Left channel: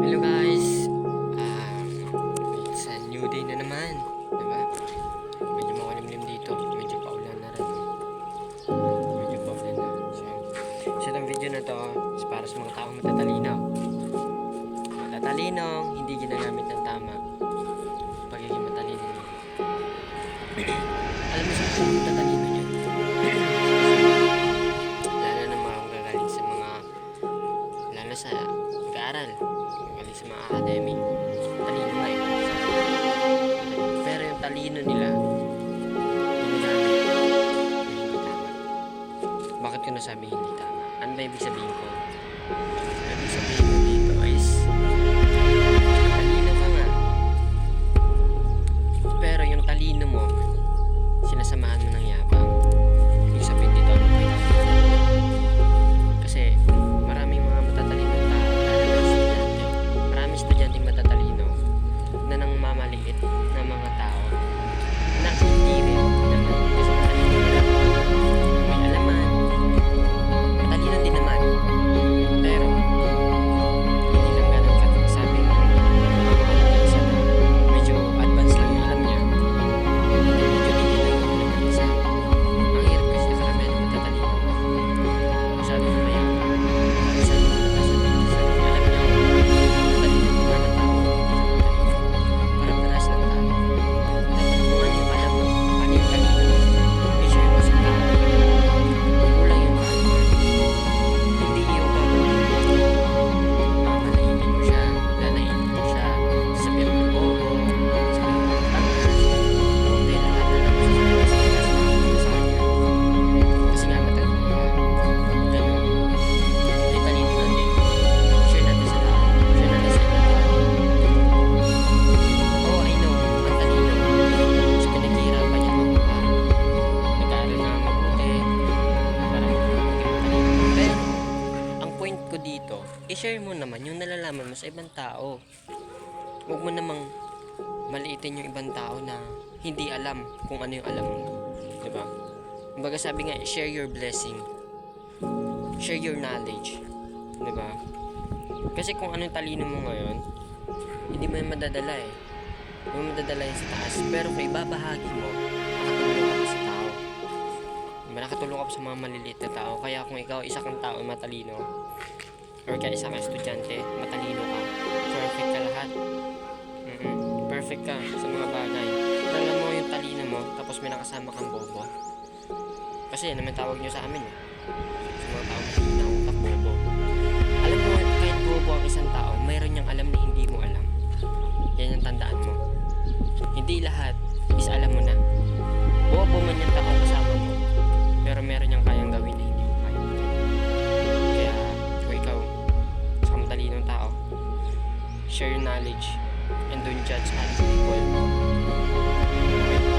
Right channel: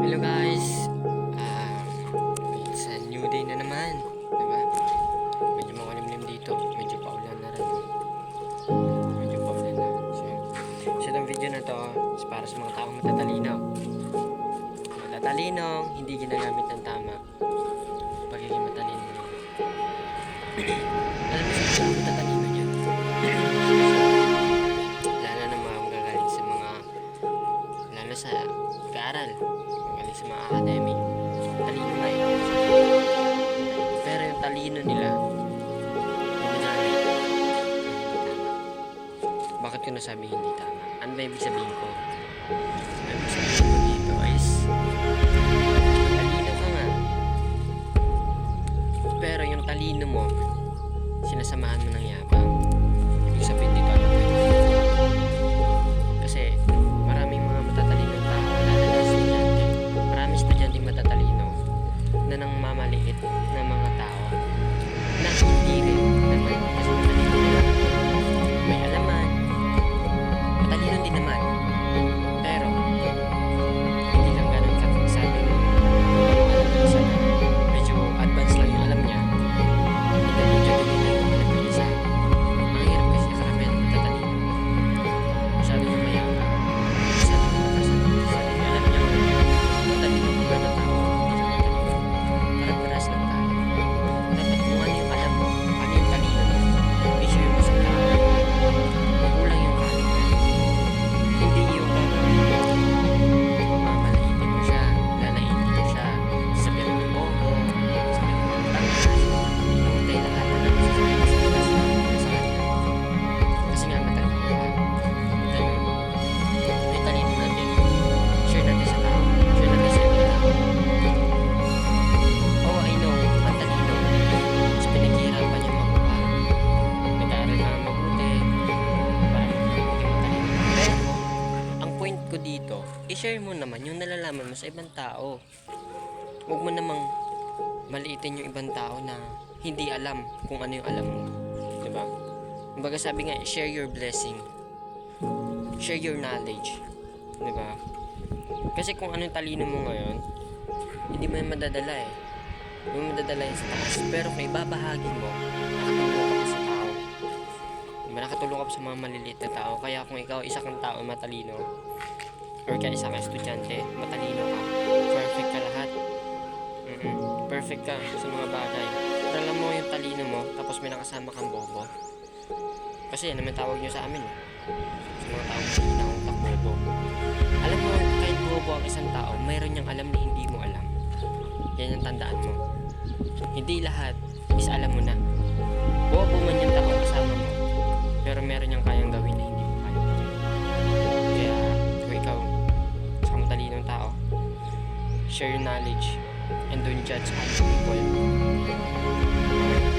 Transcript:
Hello guys, it's a new day na naman, diba? Medyo makulimlim dito, medyo paulan na rin. Medyo paulan na. So itong video na to is para sa mga taong matatalino. Matatalinong hindi ginagamit ng tama. Pagiging matalino nyo. Alam mo sa mga matatalino nyo? Lalo na mga gagaling sa mga, lalo sa pag-aaral, galing sa mga academic, talino nga eh. Pero yung talino nila ginagamit na hindi tama. Bakit ko nasabi hindi tama? Ano ba ibig sabihin ko? Ang ibig sabihin ko dito is talino ka nga, pero yung talino mo sinasamahan mo ng yabang. Ibig sabihin dito ano po yun? Kasi maraming mga matatalinong tao, lalo na estudyante, maraming estudyanteng matatalino na nang mamaliit ng mga tao na hindi rin naman kasi matalino nila, may alaman, matalino din naman, pero hindi lang ganun sabing kung ano alam ng isa na medyo advance lang yung alam niya, hindi medyo hindi lang yung alam ng isa. Ang hirap kasi karamihan ng matatalino masyado na mayabang, masyado na mataas ang sarili. Alam niyo, matalino pa man na tao, hindi na matalino. Para-paras lang tayo. Dapat kung ano yung alam mo, ano yung talino mo, i-share mo sa tao. Kulang yung kaalaman. Hindi yung gagawin mo. Mamalaitin mo siya, lalaitin mo siya, sabihan mo ng bobo, sabihan mo ng tanga, inuutay lahat na naman sasabihin sa pilas na mula sa kanya. Kasi nga matalino ka. Ganun. May talino natin. Share natin sa tao. Share natin sa ibang tao. Oh, I know. Ang talino. Mas pinaghihirapan niya makuha. Nag-aaral na mabuti para maging matalino. Pero, ang point ko dito, i-share mo naman yung nalalaman mo sa ibang tao. Huwag mo namang maliitin yung ibang tao na hindi alam kung ano yung alam mo. Diba? Kumbaga sabi nga, share your blessing. Share your knowledge. Diba? Kasi kung anong talino mo ngayon, hindi mo yan madadala eh. Hindi mo madadala yan sa taas. Pero kung ibabahagi mo, nakatulong ka pa sa tao. Diba? Nakatulong ka pa sa mga maliliit na tao. Kaya kung ikaw isa kang tao matalino, or kaya isa kang estudyante, matalino ka, perfect ka lahat. Perfect ka sa mga bagay. Pero alam mo yung talino mo, tapos may nakasama kang bobo. Kasi yan naman tawag nyo sa amin eh. Sa mga tao masihina ang utak, bobo. Alam mo, kahit bobo ang isang tao, mayroon niyang alam na hindi mo alam. Yan ang tandaan mo. Hindi lahat is alam mo na. Bobo man yung tao kasama mo, pero meron niyang kayang gawin na hindi mo kayang gawin. Kaya kung ikaw sa matalinong tao, share your knowledge and don't judge other people. Okay?